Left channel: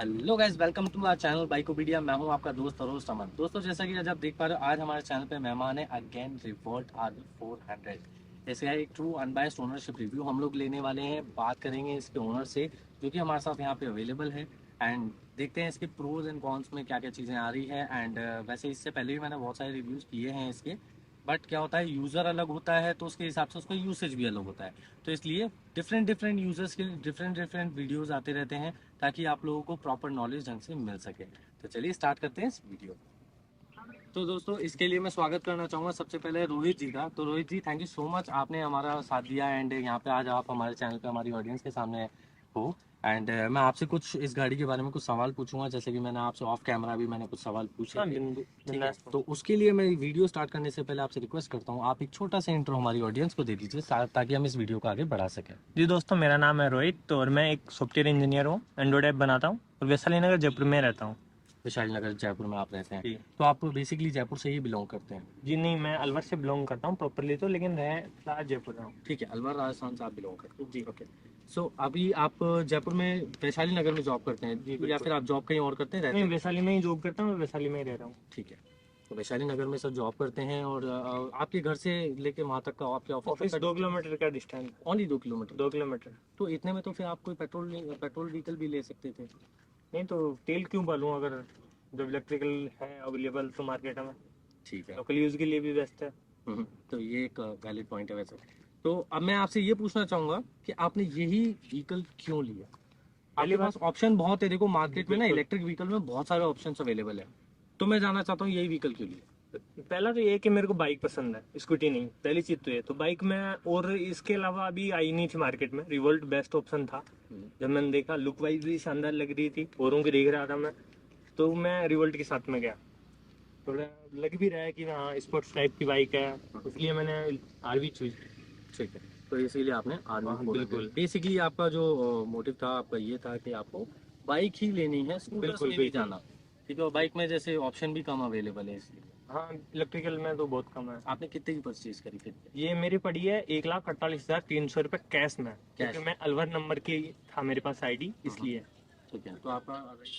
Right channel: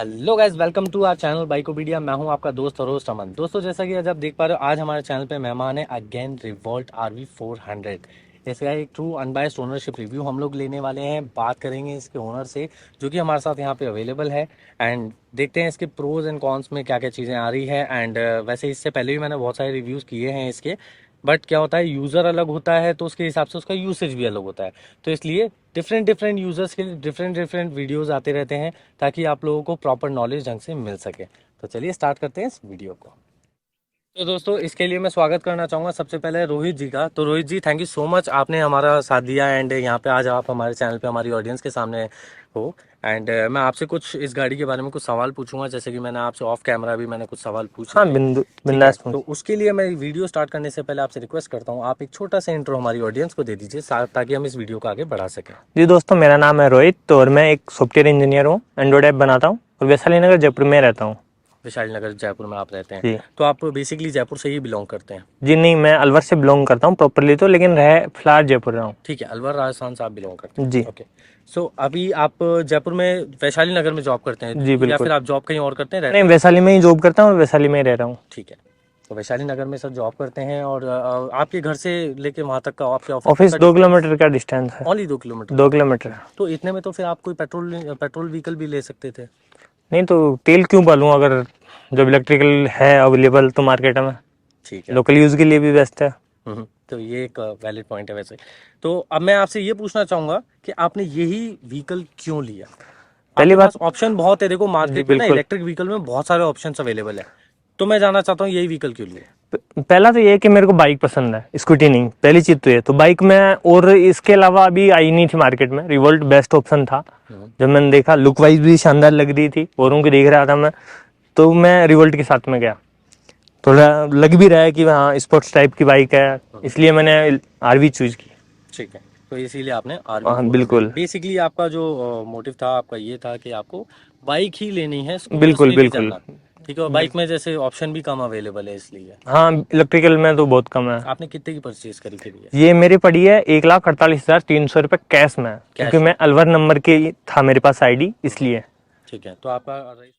Hello guys, welcome to our channel Bikopedia. मैं हूं आपका दोस्त और होस्ट अमन। दोस्तों, जैसा कि आज आप देख पा रहे हो, आज हमारे चैनल पे मेहमान है अगेन रिवोल्ट RV 400। इसका एक ट्रू अनबायस्ड ओनरशिप रिव्यू हम लोग लेने वाले हैं। बात करेंगे इसके ओनर से जो कि हमारे साथ यहाँ पे अवेलेबल है, एंड देखते हैं इसके प्रोज एंड कॉन्स में क्या क्या चीज़ें आ रही है। एंड वैसे इससे पहले भी मैंने बहुत सारे रिव्यूज़ किए हैं इसके, बट क्या होता है, यूज़र अलग होता है तो उसके हिसाब से उसका यूसेज भी अलग होता है। तो इसलिए डिफरेंट डिफरेंट यूज़र्स के लिए डिफरेंट डिफरेंट वीडियोज़ आते रहते हैं ताकि आप लोगों को प्रॉपर नॉलेज ढंग से मिल सके। तो चलिए स्टार्ट करते हैं इस वीडियो को। तो दोस्तों, इसके लिए मैं स्वागत करना चाहूँगा सबसे पहले रोहित जी का। तो रोहित जी, थैंक यू सो मच, आपने हमारा साथ दिया एंड यहाँ पे आज आप हमारे चैनल पे हमारी ऑडियंस के सामने हो। एंड मैं आपसे कुछ इस गाड़ी के बारे में कुछ सवाल पूछूंगा, जैसे कि मैंने आपसे ऑफ कैमरा भी मैंने कुछ सवाल पूछे हाँ, थे। बिंदु ठीक है, बिंदास तो उसके लिए मैं वीडियो स्टार्ट करने से पहले आपसे रिक्वेस्ट करता हूँ, आप एक छोटा सा इंट्रो हमारी ऑडियंस को दे दीजिए ताकि हम इस वीडियो को आगे बढ़ा सकें। जी दोस्तों, मेरा नाम है रोहित और मैं एक सॉफ्टवेयर इंजीनियर हूँ। एंड्रॉइड ऐप बनाता हूँ और वैशाली नगर जयपुर में रहता हूँ। विशाल नगर जयपुर में आप रहते हैं? जी तो आप बेसिकली जयपुर से ही बिलोंग करते हैं? जी नहीं, मैं अलवर से बिलोंग करता हूँ प्रॉपरली तो, लेकिन रह फिलहाल जयपुर रहा हूँ। ठीक है, अलवर राजस्थान से आप बिलोंग करते हैं। जी ओके। सो अभी आप जयपुर में वैशाली नगर में जॉब करते जी हैं या बिल्कुल। फिर आप जॉब कहीं और करते हैं, नहीं, रहते हैं? वैशाली में ही जॉब करता हूँ और वैशाली में ही रह रहा हूँ। ठीक है, तो वैशाली नगर में सर जॉब करते हैं। और आपके घर से लेके वहाँ तक का आपके ऑफिस तक ऑफिस का 2 डिस्टेंस किलोमीटर का डिस्टेंस है। ओनली 2 किलोमीटर का? 2 किलोमीटर। तो इतने में तो फिर आप कोई पेट्रोल पेट्रोल व्हीकल भी ले सकते थे। नहीं तो तेल क्यों बालूँ, अगर जब इलेक्ट्रिकल है अवेलेबल तो मार्केट में। ठीक है। लोकल यूज़ के लिए भी बेस्ट है। तो ये एक वैलिड पॉइंट है वैसे। तो अब मैं आपसे ये पूछना चाहूँगा कि आपने यही व्हीकल क्यों लिया? पहली आपके बात। पास ऑप्शन बहुत है, देखो जी मार्केट में ना बिल्कुल। इलेक्ट्रिक व्हीकल में बहुत सारे ऑप्शंस अवेलेबल है। तो मैं जानना चाहता हूँ यही व्हीकल क्यों लिए? पहला तो ये है कि मेरे को बाइक पसंद है, स्कूटी नहीं। पहली चीज तो ये तो बाइक में, और इसके अलावा अभी आई नहीं थी मार्केट में, रिवोल्ट बेस्ट ऑप्शन था। हम्म। जब मैंने देखा, लुक वाइज भी शानदार लग रही थी, औरों की देख रहा था मैं, तो मैं रिवोल्ट के साथ में गया। थोड़ा लग भी रहा है कि हाँ स्पोर्ट्स टाइप की बाइक है, इसलिए मैंने आरवी चूज की। ठीक है, तो इसीलिए आपने RV हाँ 400, बिल्कुल बेसिकली आपका जो मोटिव था आपका ये था कि आपको बाइक ही लेनी है, स्कूटर्स बिल्कुल में नहीं बिल्कुल जाना। ठीक है, और बाइक में जैसे ऑप्शन भी कम अवेलेबल है इसलिए। हाँ, इलेक्ट्रिकल में तो बहुत कम है। आपने कितने की परचेज करी फिर ये? ये मेरी पड़ी है 1,48,300 रुपये कैश में, क्योंकि कैश में? मैं अलवर नंबर के था मेरे पास आईडी, हम्म। इसलिए। ठीक है, तो आपका,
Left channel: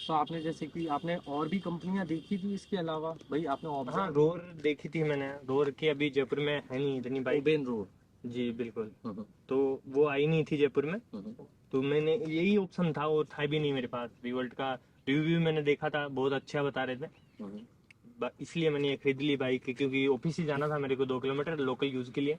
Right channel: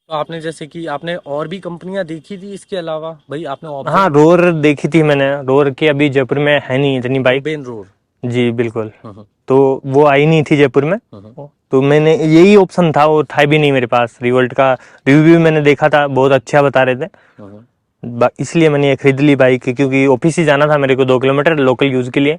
तो आपने जैसे कि आपने और भी कंपनियां देखी थी इसके अलावा, भाई आपने हाँ, ऑब्जर्व? रोर देखी थी मैंने। रोर की अभी जयपुर में है नहीं इतनी बाइक। उबेन रोड? जी बिल्कुल। हम्म। तो वो आई नहीं थी जयपुर में, हम्म। तो मैंने यही ऑप्शन था, वो था भी नहीं मेरे पास। रिवोल्ट का रिव्यू भी मैंने देखा था, बहुत अच्छा बता रहे थे। हम्म। इसलिए मैंने ये खरीद ली बाइक, क्योंकि ऑफिस ही जाना था मेरे को 2 किलोमीटर लोकल यूज के लिए,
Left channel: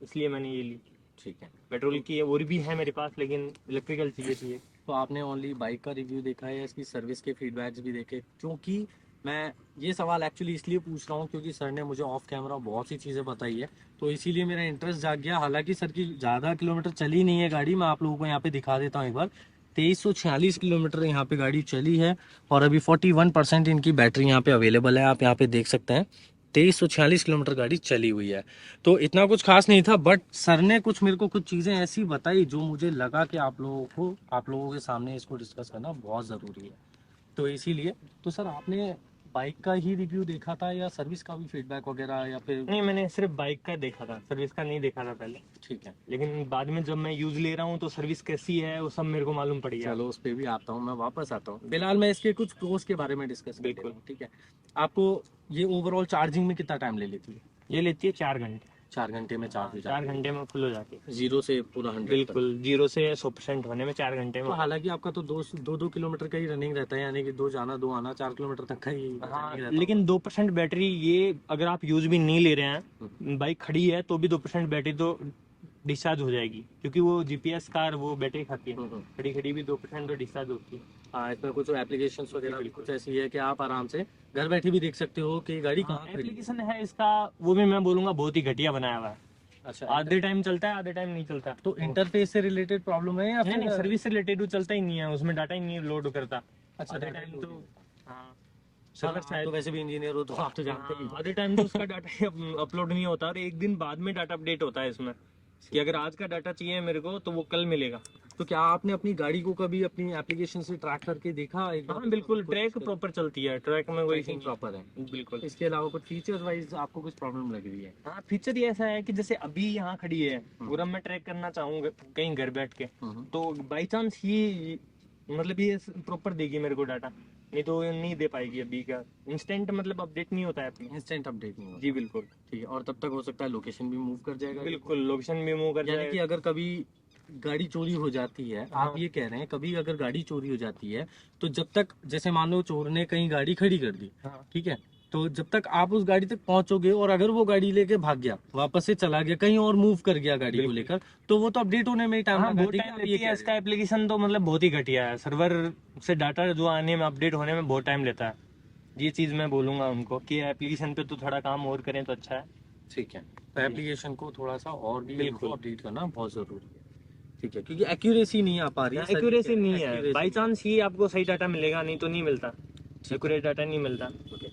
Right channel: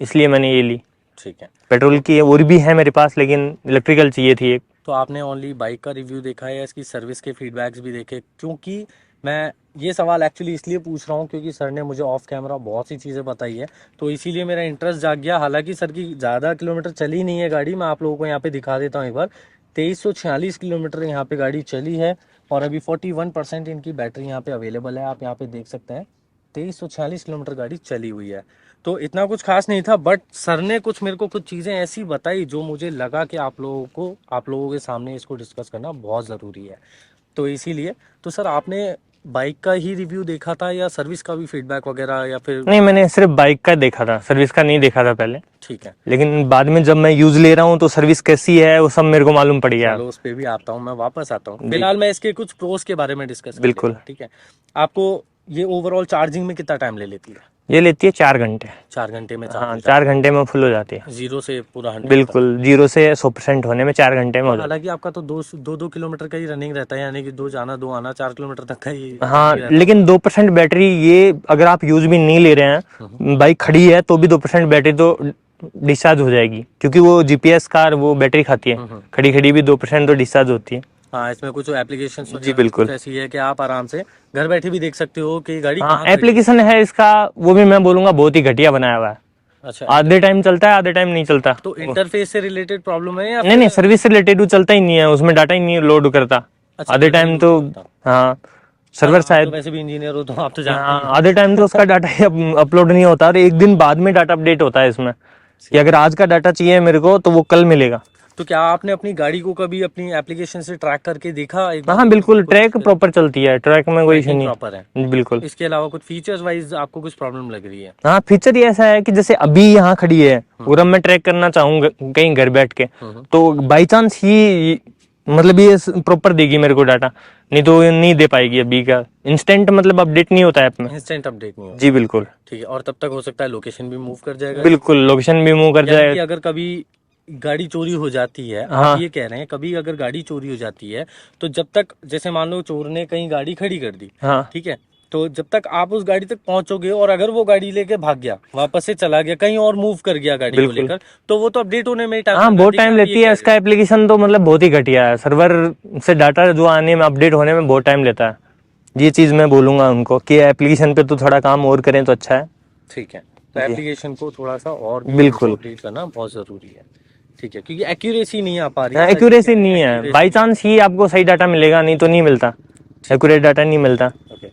इसलिए मैंने ये ली। ठीक है, पेट्रोल तो की और भी है मेरे पास, लेकिन इलेक्ट्रिकल चाहिए थी एक। तो आपने ओनली बाइक का रिव्यू देखा है या इसकी सर्विस के फीडबैक्स भी देखे? क्योंकि मैं ये सवाल एक्चुअली इसलिए पूछ रहा हूँ क्योंकि सर ने मुझे ऑफ कैमरा बहुत सी चीज़ें बताई है, तो इसीलिए मेरा इंटरेस्ट जाग गया। हालांकि सर की ज़्यादा किलोमीटर चली नहीं है गाड़ी, मैं आप लोगों को यहाँ पे दिखा देता हूँ एक बार। 2346 किलोमीटर यहाँ पे गाड़ी चली है, और अभी 41% इनकी बैटरी यहाँ पे अवेलेबल है, आप यहाँ पे देख सकते हैं। 2346 किलोमीटर गाड़ी चली हुई है, तो इतना कुछ खास नहीं था। बट सर ने कुछ मेरे को कुछ चीज़ें ऐसी बताई जो मुझे लगा कि आप लोगों के सामने इसको डिस्कस करना बहुत ज़रूरी है। तो इसीलिए, तो सर आपने बाइक का ही रिव्यू देखा था या सर्विस का भी फीडबैक वगैरह, या फिर? नहीं, मैंने सिर्फ बाइक का देखा था, सर्विस का नहीं देखा था पहले। ठीक है, लेकिन बाद में जब मैं यूज ले रहा हूँ तो सर्विस कैसी है वो सब मेरे को मालूम पड़ गया। चलो उस पर भी आता हूँ, मैं वापस आता हूँ। जी फिलहाल मैं इसके कुछ प्रोस के बारे में डिस्कस कर लेता बिल्कुल। हूँ, ठीक है? आपको ये ओवरऑल चार्जिंग में कितना टाइम ले लेती है? ये लेती है 4 घंटे। 4 घंटे में चार्ज हाँ, हो 4 घंटे जाती में फुल हो जाती है। है, जीरो से पूरा 100 तक? बिल्कुल, 0 से 100% होने में 4 घंटे में तो हो जाती हालांकि आपका तो दो दो किलोमीटर का ही रनिंग रहता है, यानी कि दो जाना दो आना, 4 किलोमीटर तक का ही है। हाँ, रनिंग रहता होगा। लेकिन 2% बैटरी, ये अगर आप यूज भी नहीं ले रहे हम्म। हैं, बाइक खड़ी है तो भी 2% बैटरी तो डिस्चार्ज हो जाएगी, क्योंकि वो जीपीएस कार वो बैटरी खाती है। हम्म। खड़ी खड़ी भी 2% तो डिस्चार्ज होती है। हाँ, इसमें कुछ एप्लीकेशंस जी वगैरह कुछ बिल्कुल। ऐसी है कि आप आराम से घर बैठे भी देख सकते हो कि गाड़ी हाँ, कहाँ खड़ी है। एप्लीकेशन है इसका, वो भी मैं बोलूंगा बहुत ही घटिया बनाया हुआ है। अच्छा, आधे टाइम चलता है, आधे टाइम नहीं चलता। तो इंटरफेस से रिलेटेड प्रॉब्लम है या नहीं नहीं, फिर? सर्विस से रिलेटेड वो चलता ही नहीं है, उसमें डाटा ही नहीं लोड करता अच्छा, आधे डाटा ही टाइम लोड तो। नहीं करता? हाँ, हाँ, सर्वर आप तो शायद। वैसे भी इंजीनियर हो तो आप तो जानते हाँ, ही आधे हो। टाइम तो उसका डाटा ही अपलोड नहीं होता, और एक दिन बाद में डाटा अपडेट होता है इसमें, कि ठीक अगर है, आज का डाटा चाहिए मेरे को तो वो कल मिलेगा। तो क्या आपने अपनी गाड़ी को कभी अपनी एप्लीकेशन से ट्रैक करके देखा एक बार हाँ कि बिल्कुल, कुछ ट्रैक प्रॉपर चलती है, ट्रैक में कोई इशू ट्रैकिंग प्रॉपर है? नहीं। बिल्कुल। इसके अलावा कुछ फीचर्स वाइज आपको कुछ प्रॉब्लम लग रही है? हाँ, फीचर ये ऐसा है कि जैसे अभी यहाँ खड़ी है और अब मैं ट्रैक करना चाहूंगा कहीं घर बैठ के, हम्म। तो बाई चांस ही मतलब ये प्रॉपर देगी मेरे को डाटा, नहीं तो ये नहीं दे पाएगी अभी का। इंस्टेंट मतलब अपडेट नहीं होता ऐप में। इंस्टेंट अपडेट नहीं होता। जी बिल्कुल। ठीक है, और तब तक हो सकता है लोकेशन भी मूव कर जाएगा। बिल्कुल लोकेशन भी मूव कर यानी कि जाए। अगर कभी गाड़ी चोरी हो जाती है, आप हाँ ये कह रहे हैं कभी अगर गाड़ी चोरी हो जाती है, तो जब तक जैसे मान लो चोर ने कहीं गाड़ी खड़ी कर दी, हाँ ठीक है, तो जब तक आप उस गाड़ी तक पहुंचोगे और अगर वो गाड़ी लेके भाग गया, वापस से चला गया कहीं और मूव कर गया गाड़ी को बिल्कुल। लेकर, तो वो तो अपडेट होने में ही टाइम हाँ लगा बहुत देगी, टाइम आप ये लेती है कह रहे इसका एप्लीकेशन, तो मतलब बहुत ही घटिया है। सर्वर से डाटा जो आने में, अपडेट होने में बहुत टाइम लेता है। ये चीज़ मैं बोलूँगा उनको कि एप्लीकेशन पे तो थोड़ा काम और करें तो अच्छा है। हो। ठीक है, तो जी एप्लीकेशन को थोड़ा सा और भी हमको बिल्कुल। अपडेट करना बहुत जरूरी है। ठीक है, क्योंकि एक्यूरेसी नहीं आ पा रही है, सच एक्यूरेसी कह रहे नहीं हैं, है, एक्यूरेसी बाई नहीं। चांस ही आपको सही डाटा मिलेगा, नहीं तो नहीं मिलता। ठीक है। एक्यूरेट डाटा नहीं मिलता। ओके।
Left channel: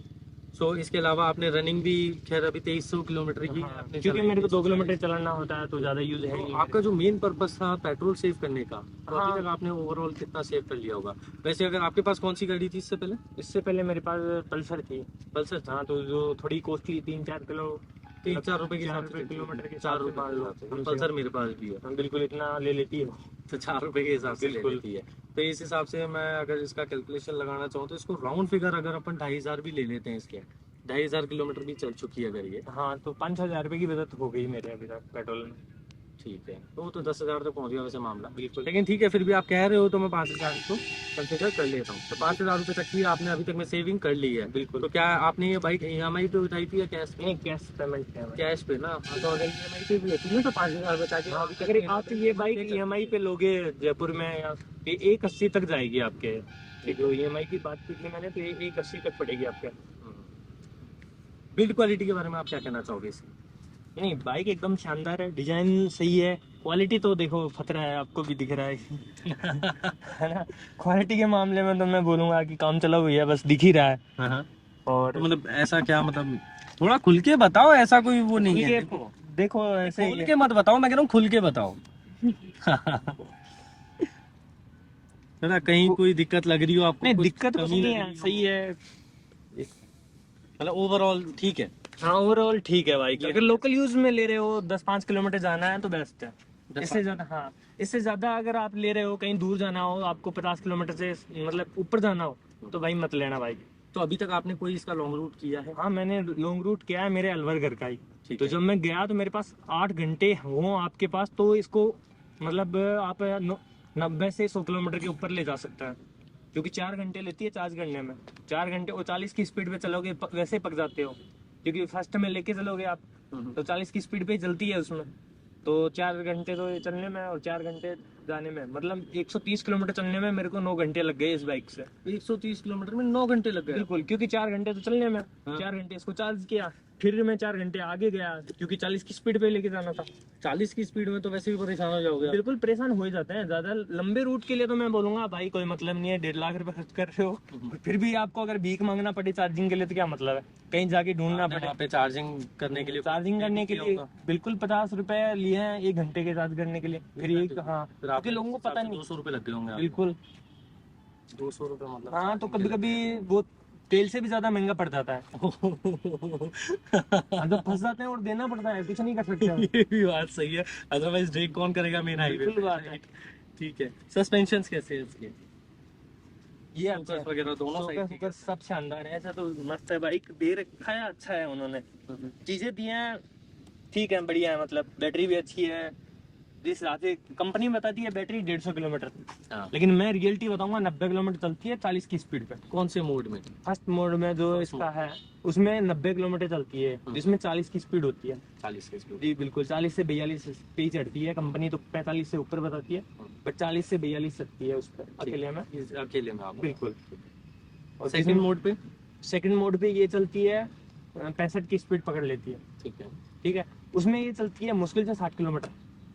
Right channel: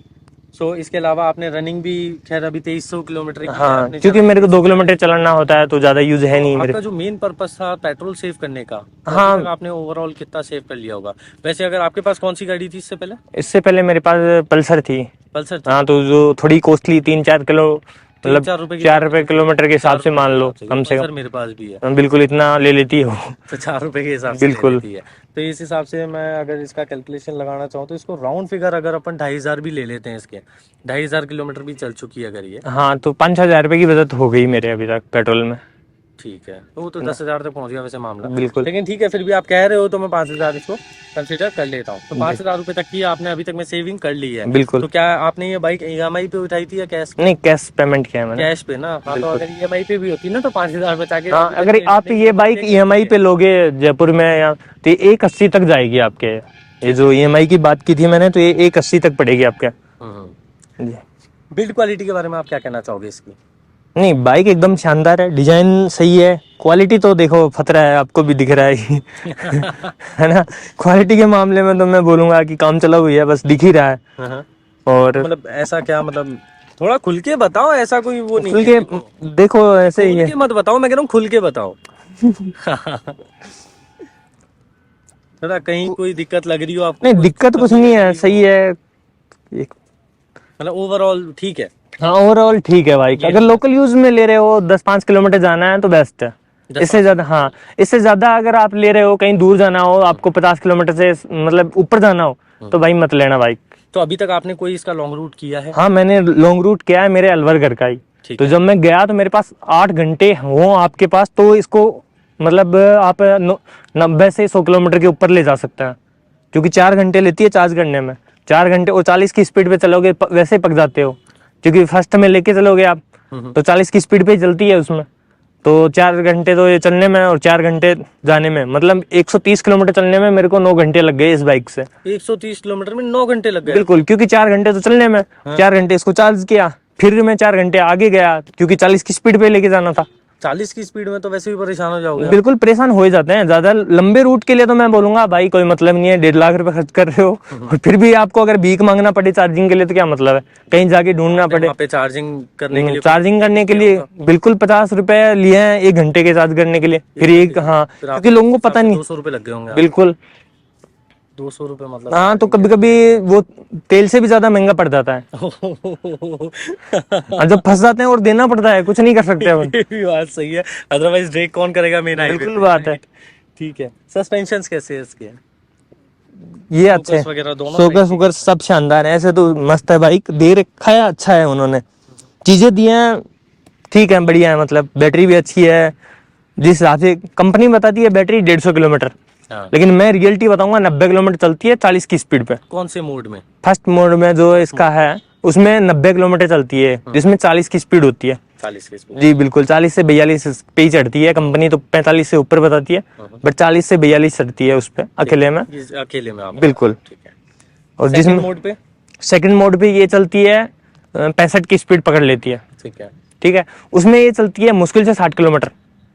सो इसके अलावा आपने रनिंग भी, खैर अभी 2300 किलोमीटर की है, हाँ आपने क्योंकि चलाई मेरे को 2 किलोमीटर 340 चलाना होता है तो ज़्यादा यूज है तो नहीं मेरे। आपका जो मेन पर्पस था पेट्रोल सेव करने का, तो अभी तक हाँ आपने ओवरऑल कितना सेव कर लिया होगा? वैसे अगर आपके पास कौन सी गाड़ी थी इससे पहले? इससे पहले मेरे पास पल्सर थी। पल्सर थी। हाँ तो जो थोड़ी कॉस्टली, 3-4 किलो, तीन मतलब चार रुपए की चार बात रुपए नहीं है। किलोमीटर के हिसाब चार से रुपए के मान लो हिसाब से, कम क्योंकि से कम। पल्सर मेरे पास भी है। बिल्कुल इतना ले लेती है वो। तो 4 रुपए के हिसाब से ले बिल्कुल। लेती है। तो इस हिसाब से मैं अगर इसका कैलकुलेशन लगाना चाहूँ तो इसको राउंड फिगर अगर अपन 2500 भी ले लेते हैं इसके, 2500 किलोमीटर भी चल चुकी है अगर ये। हाँ तो 5-6 हज़ार रुपये की बचत हो गई मेरे अभी तक पेट्रोल में। ठीक है, तो वो तो 10,000 तक पहुंच गया वैसे मामला। बिल्कुल। लेकिन ठीक है, फिर भी आप कह रहे हो तो मैं 5,000 इसको कंसिडर कर लेता हूँ। तो जी 5,000 रुपये तक की आपने अभी तक में सेविंग कर ली है। बिल्कुल। तो क्या आपने ये बाइक ईएमआई पे उठाई थी या कैश पे? नहीं कैश पेमेंट किया है मैंने। कैश पे ना, हाँ, तो बिल्कुल। अगर ईएमआई पे भी होती ना तो 5,000 बचा के हाँ अभी तक अगर में आप ये लगभग बाइक ले ईएमआई चुकी है। पे लोगे जयपुर में, या तो ये 180 तक जाएगी आपके। ये ठीक जो है। ईएमआई की बात की थी मैंने, तो ये 180 तक पड़ेगी आपके। हम्म। जी। बिल्ड क्वालिटी के बारे में आप क्या कहना चाहोगे इसकी? नहीं बाइक एकदम शानदार है, डिजाइन सही है, क्वालिटी तो देखो खतरा है, आपको भी दिख रहा है। है ना। क्वालिटी के मामले में तो मैं बोलूंगा कि काम चला हुई है, बस दिख ही रहा है। हाँ। और मतलब ऐसा क्या, मतलब थोड़ा खुल के बताओ, ऐसा कोई वो नहीं खुल है, के देखो देखो ऐसे ही खोल है। के मत बताओ, मैं कह रहा हूँ खुल के बताओ। थोड़ा कहीं कोई दिक्कत लग रही हो आपको, नहीं कोई दिक्कत कुछ कमी नहीं लग है, रही हो, सही है। मतलब ओवरऑल ठीक है। हाँ ओवरऑल ठीक है बाइक, ये अगर नहीं है। लोकल यूज में ले रहे हो 10-5 किलोमीटर जाना है तो बेस्ट है। 10-5 इससे ज्यादा, किलोमीटर। हाँ इससे ज्यादा अगर आप ले रहे हो, कहीं दूर जाना हो, आपको 50 किलोमीटर से मतलब ऊपर जाना हो, तो भाई मत लेना बाइक। तो अभी तक आपने कोई इसका लॉन्ग रूट किया है? हाँ मैंने लॉन्ग रूट किया है, मेरे अलवर घर का ही। ठीक तो है। जब मैं गया तो मेरे पास 8 घंटे हो आपके पास, तो इसको मतलब आप 90 से 100 किलोमीटर के ऊपर ले जा सकते हैं, क्योंकि 4 घंटे लेती है चार्ज करने में। 4 घंटे और 40 की स्पीड पे चलोगे वैसे ही पक जाते हो, क्योंकि फर्स्ट में लेके चलोगे आप हम्म। तो 40 की स्पीड पे ही चलती है उसमें। तो 4 घंटे तो ये चलने में और 4 घंटे जाने में, मतलब 130 किलोमीटर चलने में मेरे को 9 घंटे लग गए इस बाइक से। 130 किलोमीटर में 9 घंटे लग गए? बिल्कुल, क्योंकि 4 घंटे तो चलने में, हाँ। 4 घंटे इसको चार्ज किया, फिर मैं 4 घंटे आगे गया, क्योंकि 40 की स्पीड पे लेके जाना था। 40 की स्पीड में तो वैसे भी परेशान हो जाओगे आप। बिल्कुल परेशान हो ही जाते हैं, ज्यादा लंबे रूट के लिए तो मैं बोलूंगा भाई कोई मतलब नहीं है, 1.5 लाख रुपए खर्च कर रहे हो और फिर भी आपको अगर भीख मांगना पड़े चार्जिंग के लिए तो क्या मतलब है, कहीं जाके ढूंढना आपने पड़े। वहाँ पे चार्जिंग करने के लिए चार्जिंग करने के किया लिए होगा? बिल्कुल 50 रुपए लिए हैं 1 घंटे के चार्ज करने के लिए, फिर एक, हाँ फिर क्योंकि आपके लोगों को हिसाब पता से नहीं। 200 रुपये लग गए होंगे आपके। बिल्कुल। 200 रुपये मतलब हाँ तो चार्जिंग कभी कभी वो तेल से भी ज्यादा महंगा पड़ जाता है, और जब फंस जाते हैं और देना पड़ता है, कुछ नहीं कर सकते अपन। ये भी बात सही है, अदरवाइज ब्रेक कौन करेगा मेन हाईवे बिल्कुल पे, बात है। राइट? ठीक है। सस्पेंशंस कैसे है इसके? ये अच्छे, फोकस वगैरह दोनों सही सोकर से सुकर सब शानदार है, ऐसे तो मस्त है बाइक, दे रखा है अच्छा है उन्होंने, चीजें दी हैं ठीक है, बढ़िया है, मतलब बैटरी भी अच्छी है। जिस हिसाब से कंपनी बताती है बैटरी 150 किलोमीटर, हाँ। लेकिन मैं रियलिटी बताऊंगा 90 किलोमीटर चलती है 40 की स्पीड पे। कौन से मोड में? फर्स्ट मोड में जो इसका है उसमें 90 किलोमीटर चलती है, जिसमें 40 की स्पीड होती है। 40 की स्पीड। जी बिल्कुल, 40 से 42 पे ही चढ़ती है, कंपनी तो 45 से ऊपर बताती है, बट 40 से 42 चढ़ती है उस पर अकेले में। अकेले में आप? बिल्कुल। ठीक है। और सेकंड जिसमें मोड पे? सेकंड मोड पे ये चलती है 65 की स्पीड पकड़ लेती है। ठीक है। ठीक है, उसमें ये चलती है मुश्किल से 60 किलोमीटर।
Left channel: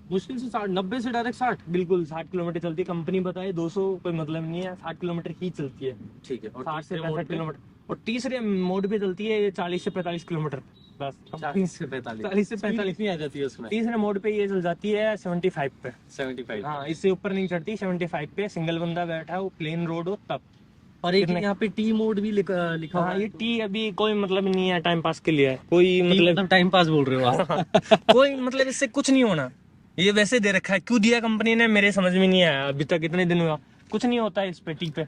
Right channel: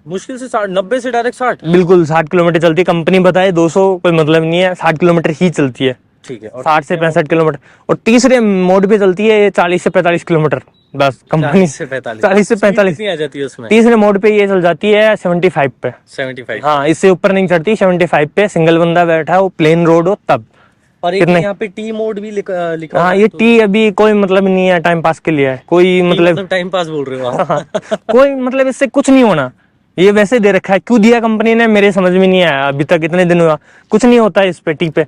मुश्किल से 60, 90 से डायरेक्ट 60? बिल्कुल 60 किलोमीटर चलती है, कंपनी बताए 200 कोई मतलब नहीं है, 60 किलोमीटर ही चलती है। ठीक है। और 60 से तीसरे 65 किलोमीटर। और तीसरे मोड पे चलती है 40 से 45 किलोमीटर, बस कंपनी 40 से 45? 40 से स्पीड 45। कितनी आ जाती है उसमें? तीसरे मोड पे ये चल जाती है 75 पे। 75? हाँ इससे ऊपर नहीं चढ़ती, 75 पे सिंगल बंदा बैठा हो, प्लेन रोड हो तब। और एक कितने? यहाँ पे टी मोड भी लिखा हुआ हाँ है, ये तो टी अभी कोई मतलब नहीं है, टाइम पास के लिए है, कोई मतलब टाइम पास बोल रहे हो आप? कोई मतलब इससे कुछ नहीं होना, ये वैसे दे रखा है, क्यों दिया कंपनी ने मेरे समझ में नहीं आया अभी तक, इतने दिन हुआ कुछ नहीं होता है इस पे। टी पे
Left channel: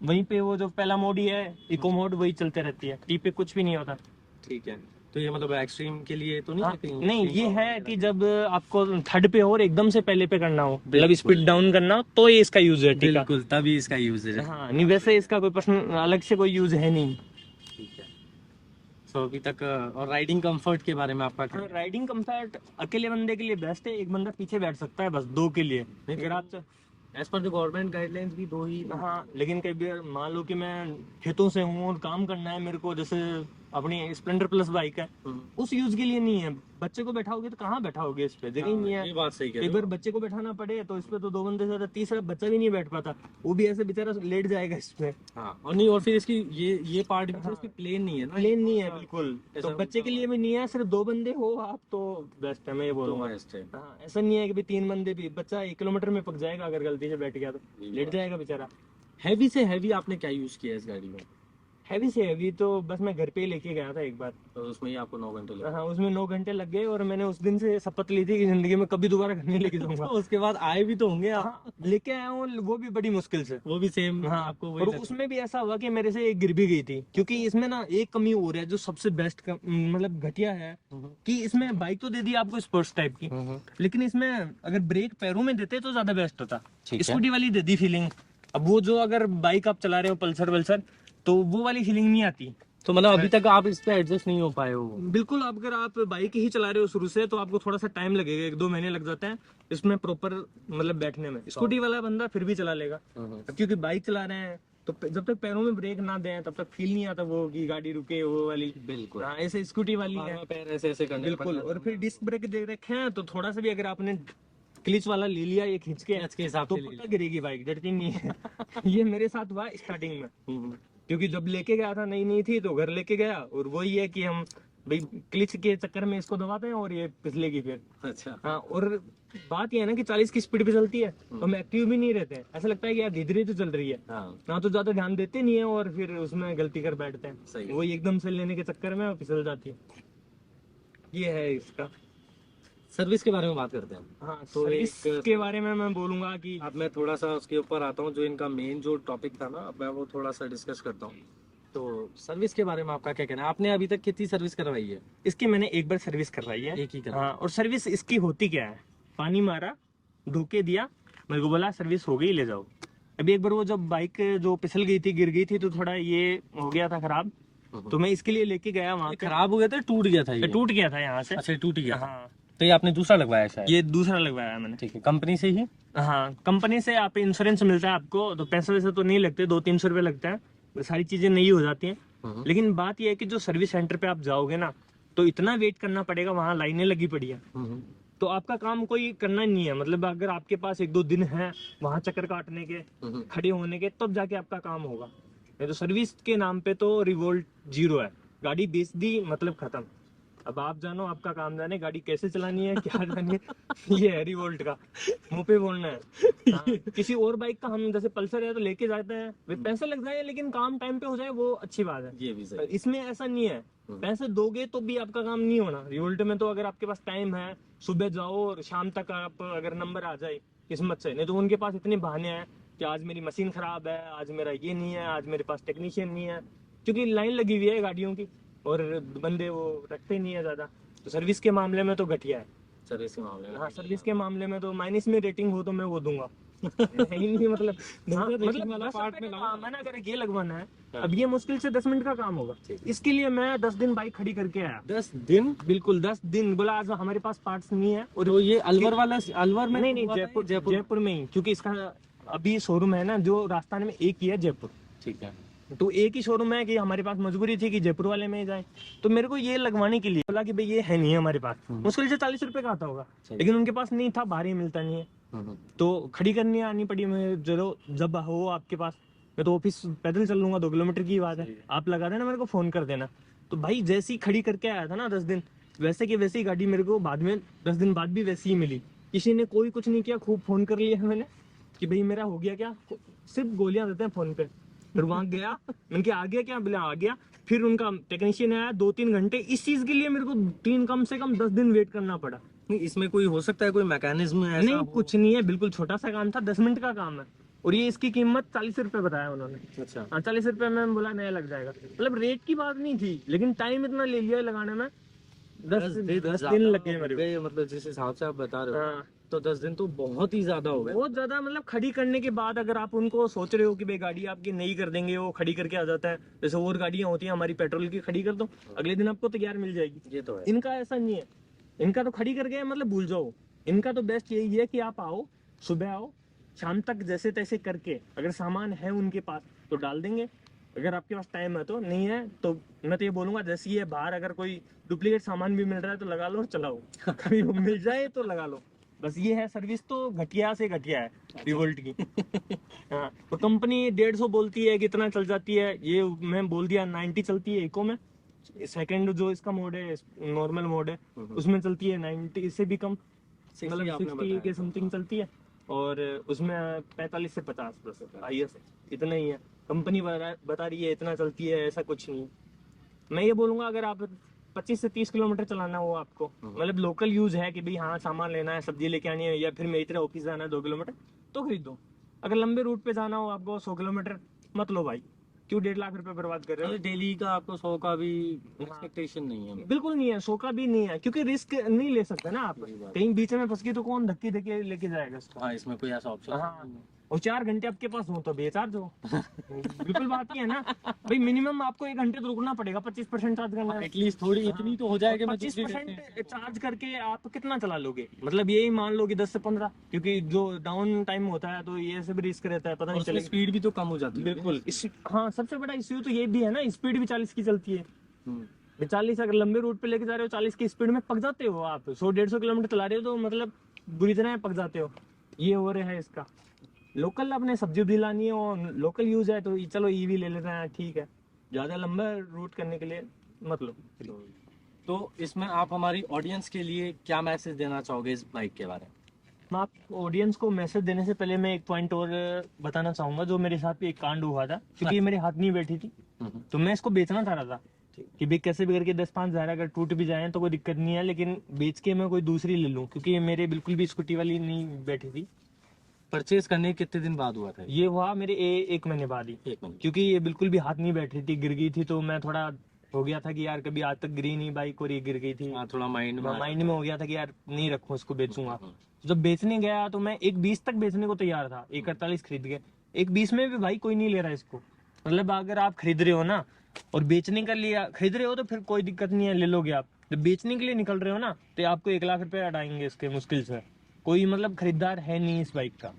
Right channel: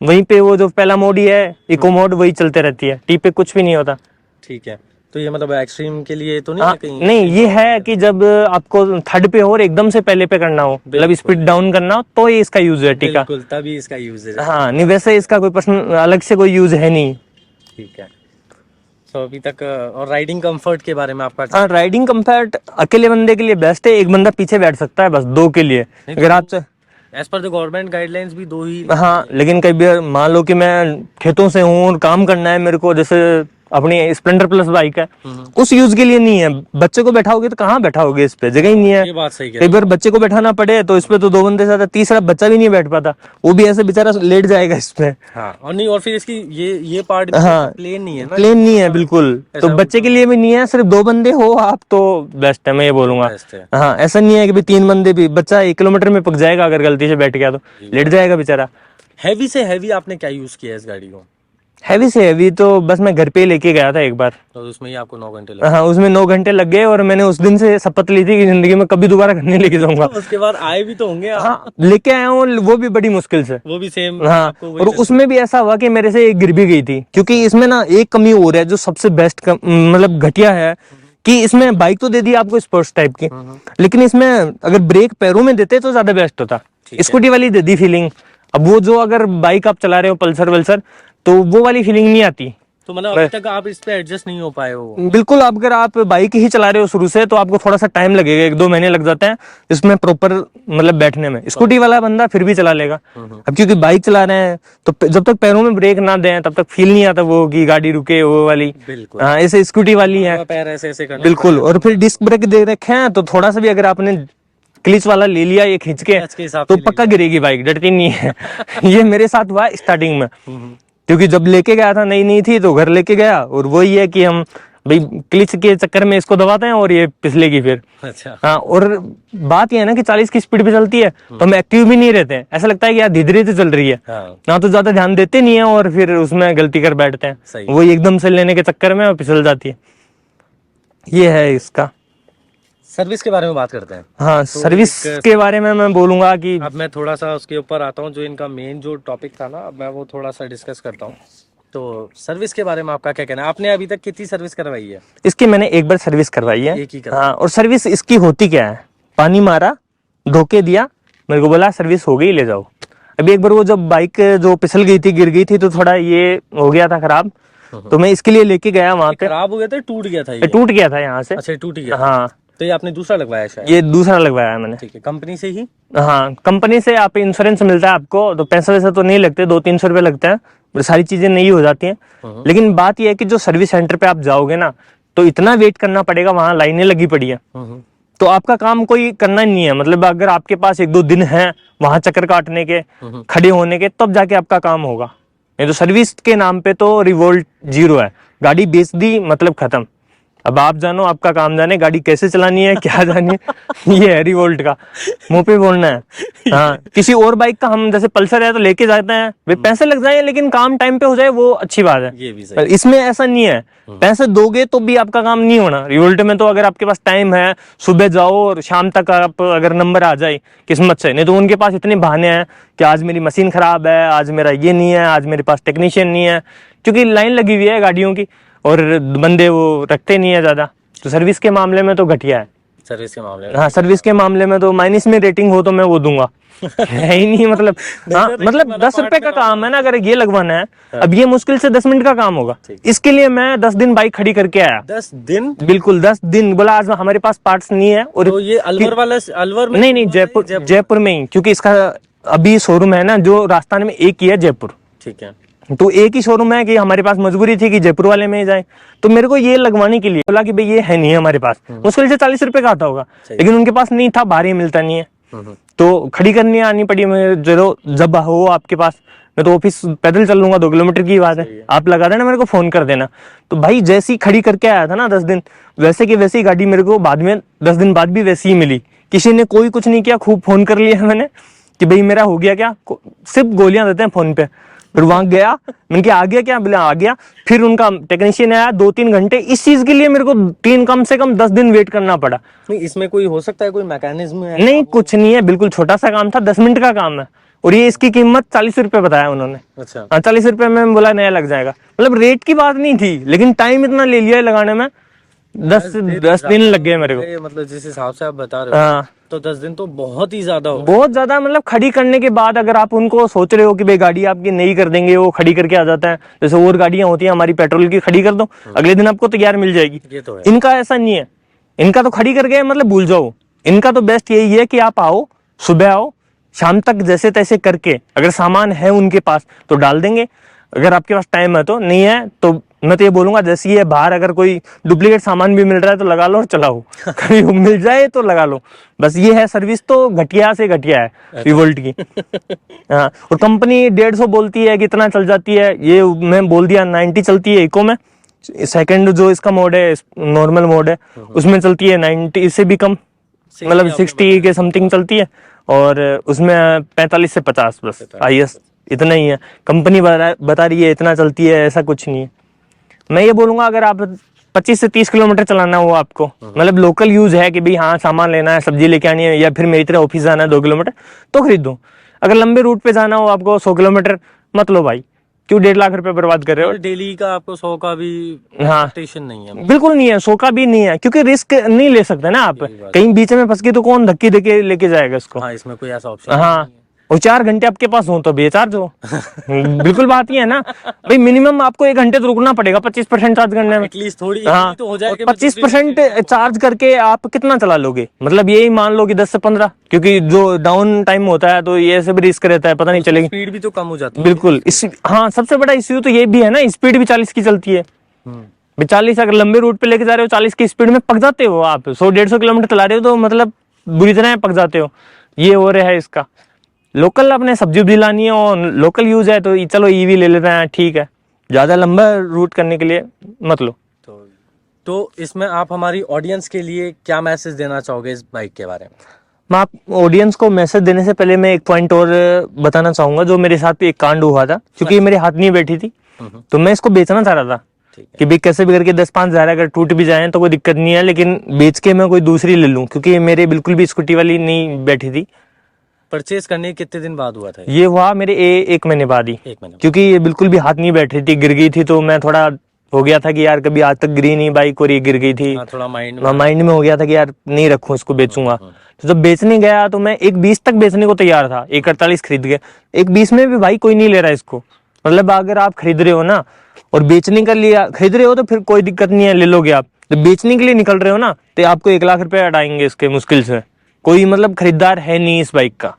वहीं पे वो जो पहला मोड ही है इको मोड, वही चलते रहती है। टी पे कुछ भी नहीं होता। ठीक है, तो ये मतलब एक्सट्रीम के लिए तो नहीं हाँ है कहीं? नहीं, ये है कि जब आपको थर्ड पे हो और एकदम से पहले पे करना हो, मतलब स्पीड डाउन करना हो, तो ये इसका यूज है टी का। बिल्कुल, तभी इसका यूज है। हाँ नहीं, वैसे इसका कोई पर्सनल अलग से कोई यूज है नहीं। ठीक है, तो अभी तक और राइडिंग कंफर्ट के बारे में आपका? हाँ, राइडिंग कंफर्ट अकेले बंदे के लिए बेस्ट है, एक बंदा पीछे बैठ सकता है बस, दो के लिए अगर आप as per the government guidelines भी दो ही। हाँ, लेकिन कई बार मान लो कि मैं खेतों से हूँ और काम करना है मेरे को, जैसे अपनी स्प्लेंडर प्लस बाइक है, उस यूज के लिए नहीं है। बच्चे को बैठाओगे तो कहाँ बैठाओगे, इस पे जगह ही नहीं है। ये बात सही कई बार बच्चे को बैठाना पड़े तो इस पे तो दो बंदे से ज्यादा, तीसरा बच्चा भी नहीं बैठ पाता, वो भी ऐसे बेचारा लेट जाएगा इस पे। हाँ, और नहीं, और फिर इसकी ये पार्ट भी हाँ, प्लेन नहीं है ना, प्लेन नहीं है बिल्कुल, तो बच्चे के लिए भी नहीं है। सिर्फ दो बंदे हो आप तो बेस्ट है, मैं ये बोलूंगा। बेस्ट है। हाँ, ऐसा नहीं है कि भाई तीन बंदे भी, बच्चा 1 किलोमीटर में पक जाएगा अगर गलती से बैठ गया तो, लेट जाएगा बेचारा। हैवी से हैवी आपने क्या यूज किया है इस गाड़ी को? हैवी से हैवी तो बस मैं घर पे ही लेके गया था एक बार, तो उसमें ही आपको 9 घंटे लगे? हाँ उसमें 9 घंटे लग गए, और मैंने उस दिन से शपथ ली थी कि जिंदगी में कभी दोबारा घर नहीं लेके जाऊंगा। उसके बाद आए भी तो होंगे आप? हाँ, लेके आया हूँ, वो भी बड़ी मुश्किल से। वो भी सेम? हाँ, और उसमें भी ऐसा हुआ कि मेरे से एक गिर भी गई थी, क्योंकि इसमें ना एक कमी और है जो सबसे बेस्ट मतलब घटिया है, कि इसमें बाइक तो दे दी आपको स्पोर्ट्स टाइप की, लेकिन इसमें अगर ब्रेक पैरों में देते तो ज्यादा बेस्ट होता। स्कूटी वाली दे दी फीलिंग। अब वो जो अगर बाइक आप चला रहे हो पल्सर वल्सर, तो वो वाली फीलिंग नहीं आती। तो मतलब अभी तक आप इस पे एडजस्ट नहीं हो पाए हो? बिल्कुल, आप अगर आप बाइक ही चला रहे हो शुरू से, तो आपको थोड़ा सा टाइम लगेगा, 1-2 महीने लग जाते हैं इसमें प्रॉपर मतलब बैठने में। स्कूटी वाला बंदा फिर भी चला लेगा। अब क्योंकि बाइक चला रहे हैं तो जब तक पैरों में ब्रेक ना दें तब तक फील नहीं आता वो कि गाड़ी रुके, वो वाली। बिल्कुल। हाँ, ऐसे स्कूटी वाली है पैर ऐसे ऐसे करने बिल्कुल। और फिर डिस्क ब्रेक दे रखे हैं, तो थोड़ा सा भी अगर आपने क्लिच वाला ले लिया ये खींच के, तो पक्का गिरेगी बाइक, डरती नहीं है। ये मेरे साथ हुआ स्टार्टिंग में, क्योंकि जब लेके गया था नई नई थी, तो घर लेके गया, और वही है कि हम भाई क्लिच के चक्कर में इसको दबाते हैं और ये फिसलेगी फिर। अच्छा। हाँ, और बात ये है ना कि 40 की स्पीड पे चलती है तो हम एक्टिव भी नहीं रहते हैं, ऐसा लगता है कि यार धीरे धीरे चल रही है। ना तो ज्यादा ध्यान देते नहीं है, और फिर उसमें गलती कर बैठते हैं, वो एकदम से लेने के चक्कर में फिसल जाती है। ये है इसका। सर्विस के बारे में बात करते हैं। हाँ, तो सर्विस के बारे में मैं बोलूंगा कि अब मैं थोड़ा सा उसके ऊपर आता हूँ, जो इनका मेन जो टॉपिक था ना, अब मैं वो थोड़ा सा डिस्कस करता हूँ। तो सर्विस के बारे में आपका क्या कहना है? आपने अभी तक कितनी सर्विस करवाई है? इसकी मैंने एक बार सर्विस करवाई है। एक ही करवाई? हाँ, और सर्विस इसकी होती क्या है, पानी मारा, धोके दिया, मेरे को बोला सर्विस हो गई, ले जाओ। अभी एक बार वो जब बाइक जो फिसल गई थी, गिर गई थी, तो थोड़ा ये हो गया था खराब, तो मैं इसके लिए लेके गया वहां पे। खराब हो गया था, टूट गया था? ये टूट गया था यहाँ से। अच्छा, टूट गया। हाँ, तो ये आपने दूसरा लगवाया शायद? ये दूसरा लगवाया है मैंने। ठीक है, कंपनी से ही? हाँ, कंपनी से आप इंश्योरेंस मिलता है आपको, तो पैसा वैसा तो नहीं लगते, 200-300 रुपए लगते हैं, सारी चीजें नहीं हो जाती हैं। लेकिन बात यह है कि जो सर्विस सेंटर पे आप जाओगे ना, तो इतना वेट करना पड़ेगा, वहां लाइनें लगी पड़ी है, तो आपका काम कोई करना ही नहीं है। मतलब अगर आपके पास 1-2 दिन है वहां चक्कर काटने के, खड़े होने के, तब जाके आपका काम होगा। नहीं तो सर्विस के नाम पे तो रिवोल्ट 0 है, गाड़ी बेच दी मतलब खत्म। अब आप जानो, आपका काम जाने, गाड़ी कैसे चलानी है, क्या जानी है। ये है रिवोल्ट का, मुंह पे बोलना है। हाँ, किसी और बाइक का हम जैसे पल्सर है तो लेके जाते हैं, वे पैसे लग जाए लेकिन काम टाइम पे हो जाए, वो अच्छी बात है। ये भी सही। इसमें ऐसा नहीं है, पैसे दोगे तो भी आपका काम नहीं होना। रिवोल्ट में तो अगर आपके पास टाइम है, सुबह जाओ और शाम तक आप अगर नंबर आ जाए किस्मत से, नहीं तो उनके पास इतने बहाने हैं कि आज मेरी मशीन खराब है, आज मेरा ये नहीं है, आज मेरे पास टेक्नीशियन नहीं है, क्योंकि लाइन लगी हुई है गाड़ियों की और बंदे वो रखते नहीं है ज्यादा। तो सर्विस के मामले में तो घटिया है। सर्विस के मामले में? हाँ, सर्विस के मामले में तो माइनस में रेटिंग हो तो मैं वो दूंगा। है ही नहीं, मतलब हाँ, मतलब 10 रुपए का काम है ना, अगर ये लगवाना है, अब ये मुश्किल से 10 मिनट का काम होगा, इसके लिए मैं 10 दिन बाइक खड़ी करके आया। 10 दिन? बिल्कुल 10 दिन। बोला आज हमारे पास पार्ट्स नहीं है। और तो ये अलवर वाला, अलवर में? नहीं, जयपुर में ही, क्योंकि इसका अभी शोरूम है ना जो राजस्थान में, एक ही है जयपुर। ठीक है, तो एक ही शोरूम है, कि हमारे पास मजबूरी थी कि जयपुर वाले में ही जाए, तो मेरे को ये लगवाने के लिए बोला कि भाई ये है नहीं हमारे पास, मुश्किल से 40 रुपए का आता होगा, लेकिन उनके पास नहीं था, बाहर ही मिलता नहीं है, तो खड़ी करनी आनी पड़ी। मैं जब हो आपके पास, मैं तो ऑफिस पैदल चल लूंगा, 2 किलोमीटर की बात है, आप लगा देना, मेरे को फोन कर देना। तो भाई जैसी खड़ी करके आया था ना 10 दिन, वैसे की वैसी गाड़ी मेरे को बाद में 10 दिन बाद भी वैसी ही मिली। किसी ने कोई कुछ नहीं किया, खूब फोन कर लिया मैंने कि भाई मेरा हो गया क्या, सिर्फ गोलियां देते हैं फोन पे। फिर वहां गया, मैंने कहा आ गया क्या, बोले आ गया। फिर उनका टेक्नीशियन आया 2-3 घंटे, इस चीज के लिए मेरे को कम से कम 10 दिन वेट करना पड़ा। नहीं, इसमें कोई हो सकता है कोई मैकेनिज्म है नहीं कुछ नहीं है, बिल्कुल छोटा सा काम था, 10 मिनट का काम है। और ये इसकी कीमत 40 रुपए बताया उन्होंने। अच्छा। हाँ 40 रुपए में बोला नया लग जाएगा, मतलब रेट की बात नहीं थी, लेकिन टाइम इतना ले लिया है लगाने में, 10 दिन लग गए मेरे को। ये मतलब जिस हिसाब से आप बता रहे हो हाँ तो 10 दिन तो बहुत ही ज्यादा हो। बहुत ज्यादा, मतलब खड़ी करने के बाद अगर आप उनको सोच रहे हो कि भाई गाड़ी आपकी नई कर देंगे, वो खड़ी करके आ जाता है, जैसे और गाड़ियां होती हैं हमारी पेट्रोल की, खड़ी कर दो अगले दिन आपको तैयार मिल जाएगी। ये तो है। इनका ऐसा नहीं है, इनका तो खड़ी करके मतलब भूल जाओ। इनका तो बेस्ट यही है कि आप आओ, सुबह आओ, शाम तक जैसे तैसे करके, अगर सामान है उनके पास तो डाल देंगे, अगर आपके पास टाइम है तो, नहीं है तो मैं तो ये बोलूंगा जैसे ये बाहर अगर कोई डुप्लीकेट सामान भी मिल रहा है तो लगा लो और चलाओ। कभी मिल जाए तो लगा लो, बस ये है। सर्विस तो घटिया से घटिया है रिवोल्ट की। हाँ, और कंपनी 150 बोलती है कि इतना चल जाती है, ये मैं बोल दिया 90 चलती है इको में। सेकंड जो इसका मोड है, नॉर्मल मोड है, उसमें चलती है 90, इससे भी कम, मतलब 60 के समथिंग चलती है। और उसमें 45 से 50 बस IS, इतना ही है। कंपनी बता रही है इतना चलती है, ऐसा कुछ नहीं है। मैं ये बोलूंगा अगर आप 25 से 30 किलोमीटर चलाना हो आपको, मतलब लोकल यूज है कि भाई हाँ सामान लेना है, सब्जी लेके आनी है, या फिर मेरी तरह ऑफिस जाना है 2 किलोमीटर, तो खरीदो। अगर लंबे रूट पे जाना हो आपको 100 किलोमीटर, मत लो भाई, क्यों 1.5 लाख रुपए बर्बाद कर रहे हो। डेली का आपको 100 का भी हाँ एक्सपेक्टेशन नहीं है। बिल्कुल नहीं है, 100 का भी नहीं है, क्योंकि रिस्क नहीं ले सकते ना आप, कहीं बीच में फंस गए तो कौन धक्के देके लेके जाएगा इसको। हाँ, इसमें कोई ऐसा ऑप्शन हाँ, और 4 घंटे आपके पास हो तो बेचार्ज हो। बिल्कुल बात ही है ना भाई, मिनिमम आपको 1 घंटे तो रुकना पड़ेगा 25% चार्ज करने में। एटलीस्ट थोड़ी हाँ, तो हो जाएगी। 25% चार्ज करके आप कितना चला लोगे, मतलब यही मान लो कि 10 से 15, क्योंकि जो डाउन टाइम होता है तो ये सब रिस्क रहता है, पता नहीं चलेगी, स्पीड भी तो कम हो जाती है। बिल्कुल। इस हाँ सबसे बड़ा इश्यू तो ये भी है ना, स्पीड भी 40 की चलती है। 40 अगर लंबे रूट पे लेके जा रहे हो 40 की स्पीड में पक जाते हो आप, 100-150 किलोमीटर चला रहे हो तो मतलब बुरी तरह पक जाते हो। ये हो रहा है इसका। लोकल अपने सब्जी भी लानी है और लोकल यूज है तो चलो ईवी ले लेते हैं, ठीक है, ज्यादा लंबा रूट करने के लिए मत लो। तो इसमें आप हमारी ऑडियंस के लिए क्या मैसेज देना चाहोगे इस बाइक के बारे में? मैं आप ऑडियंस को मैसेज देने से पहले मैं एक पॉइंट और बताना चाहूंगा, जो मेरे साथ एक कांड हुआ था, क्योंकि मेरे हाथ नहीं बैठी थी, तो मैं इसको बेचना चाह रहा था कि भाई कैसे भी करके 10-5 हज़ार अगर टूट भी जाए तो कोई दिक्कत नहीं है, लेकिन बेच के मैं कोई दूसरी ले लूं, क्योंकि मेरे बिल्कुल भी स्कूटी वाली नहीं बैठी थी। परचेज करने के कितने दिन बाद हुआ था ये हुआ मेरे 1 महीने बाद ही, 1 महीने? क्योंकि ये बिल्कुल भी हाथ नहीं बैठ रही थी, गिर गई थी, तो मैं थोड़ा हो गया था कि यार कभी आज तक गिरी नहीं बाइक और ये गिर गई थी। थोड़ा माइंड में हो गया था कि यार नहीं रखूं इसको, बेचूंगा। तो जब बेचने गया तो मैं 1.20 तक बेचने को तैयार था, 1.48 खरीद गया। 1.20 में भी भाई कोई नहीं ले रहा इसको, मतलब अगर आप खरीद रहे हो ना और बेचने के लिए खरीद रहे हो तो फिर कोई दिक्कत नहीं है, ले लोगे आप। जब बेचने के लिए निकल रहे हो ना तो आपको 1 लाख रुपए अटाएंगे इसके मुश्किल से, कोई मतलब खरीदार है नहीं इस बाइक का।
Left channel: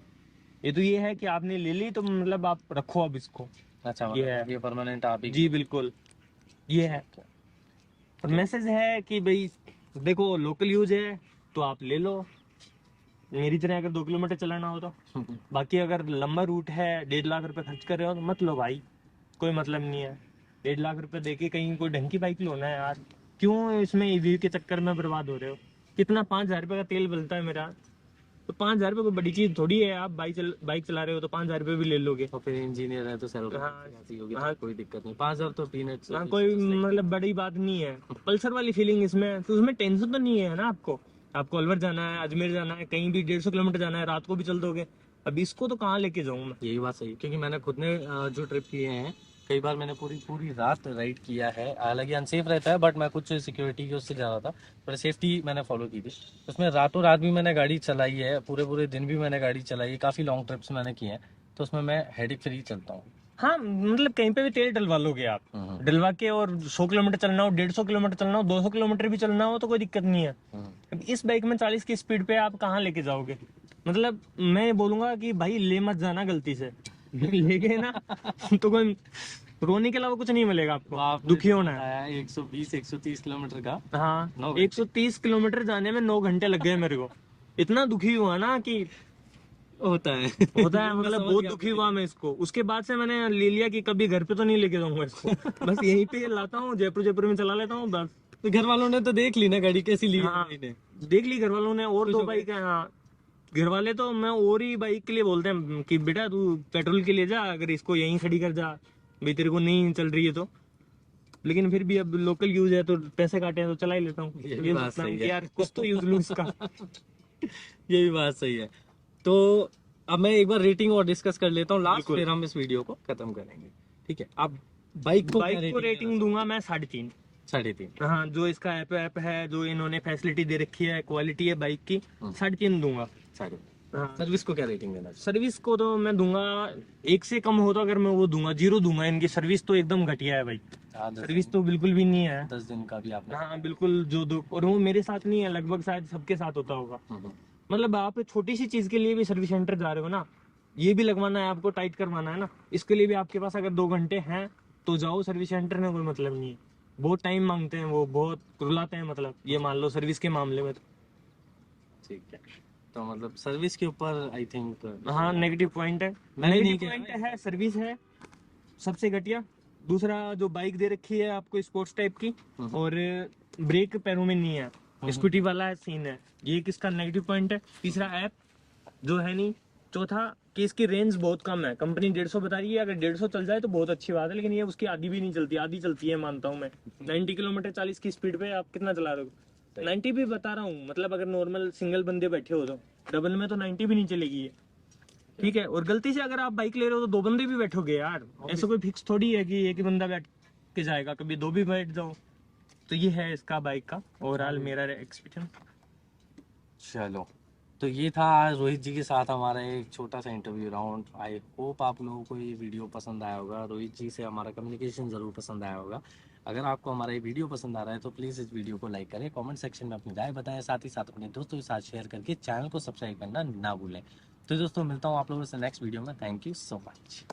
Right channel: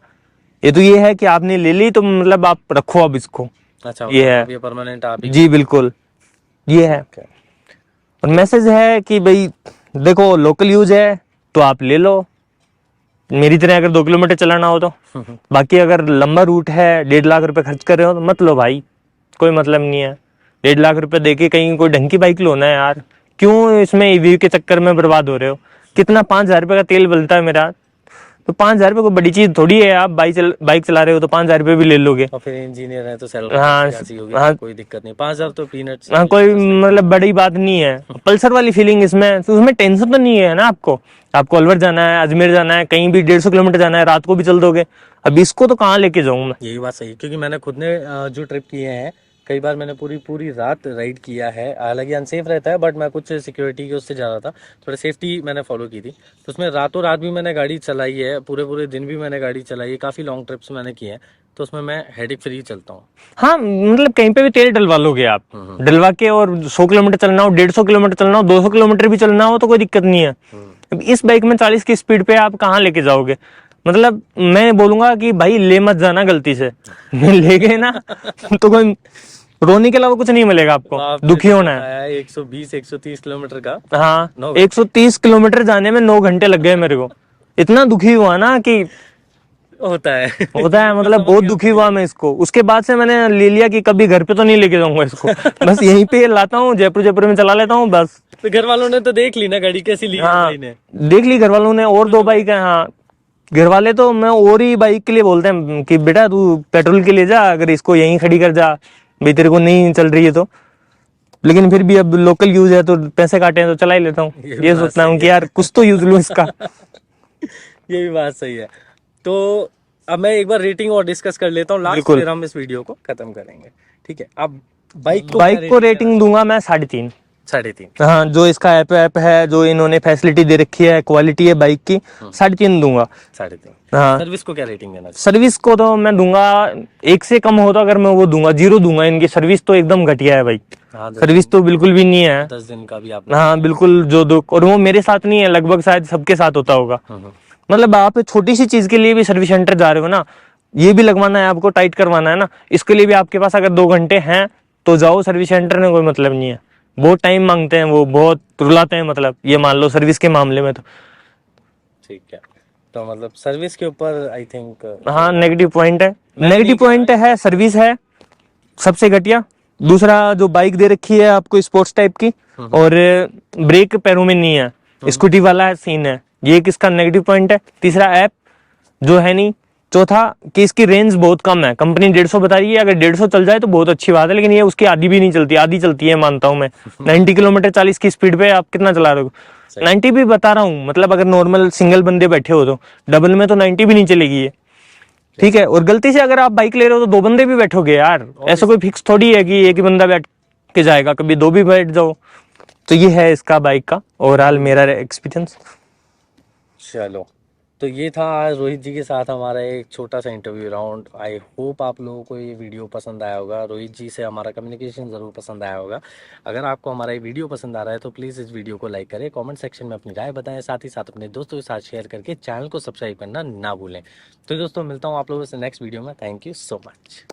ये तो ये है कि आपने ले ली तो मतलब आप रखो अब इसको। अच्छा, ये है, ये परमानेंट आप ही? जी बिल्कुल, ये है। और मैसेज है कि भाई देखो लोकल यूज है तो आप ले लो, मेरी तरह अगर 2 किलोमीटर चलाना हो तो। बाकी अगर लंबा रूट है, 1.5 लाख रुपए खर्च कर रहे हो तो मत लो भाई, कोई मतलब नहीं है। 1.5 लाख रुपए देके कहीं कोई ढंग की बाइक लो ना यार, क्यों इसमें ईवी के चक्कर में बर्बाद हो रहे हो। कितना 5,000 रुपये का तेल बलता है मेरा, तो 5,000 रुपये कोई बड़ी चीज थोड़ी है। आप बाइक चला रहे हो तो 5,000 रुपये भी ले लोगे। और फिर इंजीनियर है तो सैलरी हाँ, होगी, हाँ, कोई दिक्कत नहीं, 5,000 तो पीनट्स। हाँ कोई मतलब बड़ी बात नहीं है। पल्सर वाली फीलिंग इसमें, तो उसमें टेंशन तो नहीं है ना आपको। आपको अलवर जाना है, अजमेर जाना है, कहीं भी 150 किलोमीटर जाना है, रात को भी चल दोगे। अब इसको तो कहाँ लेके जाऊँ मैं। यही बात सही है, क्योंकि मैंने खुद ने जो ट्रिप किए हैं, कई बार मैंने पूरी रात राइड किया है। हालांकि अनसेफ रहता है, बट मैं कुछ सिक्योरिटी की उससे जा रहा था, थोड़ा सेफ्टी मैंने फॉलो की थी, तो उसमें रातों रात भी मैंने गाड़ी चलाई है, पूरे दिन भी मैंने गाड़ी चलाई है, काफ़ी लॉन्ग ट्रिप्स मैंने किए हैं, तो उसमें मैं हेडेक फ्री चलता हूँ। हाँ मतलब कहीं पे भी तेल डलवा लोगे आप, डलवा के, और 100 किलोमीटर चलना हो, 150 किलोमीटर चलना हो, 200 किलोमीटर भी चलना हो तो कोई दिक्कत नहीं है। इस बाइक में 40 की स्पीड पे आप कहाँ लेके जाओगे। मतलब मैं बोलूंगा कि भाई ले मत जाना गलती से। ले गए ना तो कोई रोने के अलावा कुछ नहीं मिलेगा आपको, दुखी होना है। 120-130 किलोमीटर का, हाँ 130 किलोमीटर जाने में 9 घंटे लग गए मेरे को। इतना दुखी हुआ ना कि होता है मतलब बहुत दुखी हुआ मैं इसको। उसके बाद से मैंने ले लिया कि कभी घर पे तो नहीं लेके जाऊंगा इसको, बस यहीं पे लाता हूँ, जयपुर में चला लेता हूँ बस। तो घर वालों ने तो देख ली ना गाड़ी कैसी ली है हाँ, भाई ने? देख ली घर वालों ने, और 2 बाइक है। हाँ घर वाले तो मैं और ही बाइक के लिए बोलते हैं कि बेटा तू पेट्रोल के लिए जा, अगर इसको यहीं खड़ी कर जा, भाई तेरे को नहीं चल रही है तो। लेकिन फिर भी अब लोकल यूज है तो पैसे काटे हैं तो चला ही लेता हूँ। ये भी ये बात सोचता हूँ सही कि है। यार कुछ तो यूज लूँ इसका। ये भी बात सही है। तो अब मैं एक बार रेटिंग और डिस्कस कर लेता हूँ लास्ट, बिल्कुल। फिर हम इस वीडियो को खत्म करेंगे। ठीक है, अब बाइक को क्या बाइक को रेटिंग देना रेटिंग चाहोगे? दूंगा मैं 3.5। 3.5। हाँ, जो इसका ऐप है, जो इन्होंने फैसिलिटी दे रखी है, क्वालिटी है बाइक की, 3.5 दूंगा। 3.5। हाँ। सर्विस को क्या रेटिंग देना चाहोगे? सर्विस को तो मैं दूंगा, 1 से कम हो तो अगर मैं वो दूंगा 0 दूंगा। इनकी सर्विस तो एकदम घटिया है भाई, हाँ, 10 सर्विस दिन, तो बिल्कुल भी नहीं है। 10 दिन का भी आपने। हाँ बिल्कुल, जो दो, और वो मेरे साथ नहीं है, लगभग शायद सबके साथ होता होगा। हम्म। मतलब आप छोटी सी चीज के लिए भी सर्विस सेंटर जा रहे हो ना, ये भी लगवाना है आपको, टाइट करवाना है ना, इसके लिए भी आपके पास अगर 2 घंटे हैं तो जाओ सर्विस सेंटर में, कोई मतलब नहीं है। बहुत टाइम मांगते हैं वो, बहुत रुलाते हैं, मतलब ये मान लो सर्विस के मामले में तो। ठीक है, तो मतलब सर्विस के ऊपर आई थिंक हाँ नेगेटिव पॉइंट है, मैंने नेगेटिव नहीं दिया पॉइंट है, सर्विस है सबसे घटिया। दूसरा, जो बाइक दे रखी है आपको स्पोर्ट्स टाइप की, और ब्रेक पैरों में नहीं है, स्कूटी वाला है सीन है, ये किसका नेगेटिव पॉइंट है। तीसरा, ऐप जो है नहीं। चौथा, कि इसकी रेंज बहुत कम है, कंपनी 150 बता रही है, अगर 150 चल जाए तो बहुत अच्छी बात है, लेकिन ये उसकी आधी भी नहीं चलती, आधी चलती है मानता हूँ मैं। 90 किलोमीटर 40 की स्पीड पे आप कितना चला रहे हो? 90 भी बता रहा हूँ, मतलब अगर नॉर्मल सिंगल बंदे बैठे हो तो, डबल में तो 90 भी नहीं चलेगी ये। ठीक है, और गलती से अगर आप बाइक ले रहे हो तो 2 बंदे भी बैठोगे यार, ऐसा कोई फिक्स थोड़ी है कि एक ही बंदा बैठ के जाएगा, कभी 2 भी बैठ जाओ। तो ये है इसका बाइक का ओवरऑल मेरा एक्सपीरियंस। चलो, तो ये था आज रोहित जी के साथ हमारा एक छोटा सा इंटरव्यू राउंड। आई होप आप लोगों को ये वीडियो पसंद आया होगा, रोहित जी से हमारा कम्युनिकेशन ज़रूर पसंद आया होगा। अगर आपको हमारा ये वीडियो पसंद आ रहा है तो प्लीज़ इस वीडियो को लाइक करें, कमेंट सेक्शन में अपनी राय बताएं, साथ ही साथ अपने दोस्तों के साथ शेयर करके चैनल को सब्सक्राइब करना ना भूलें। तो दोस्तों, मिलता हूँ आप लोगों से नेक्स्ट वीडियो में। Thank you so much.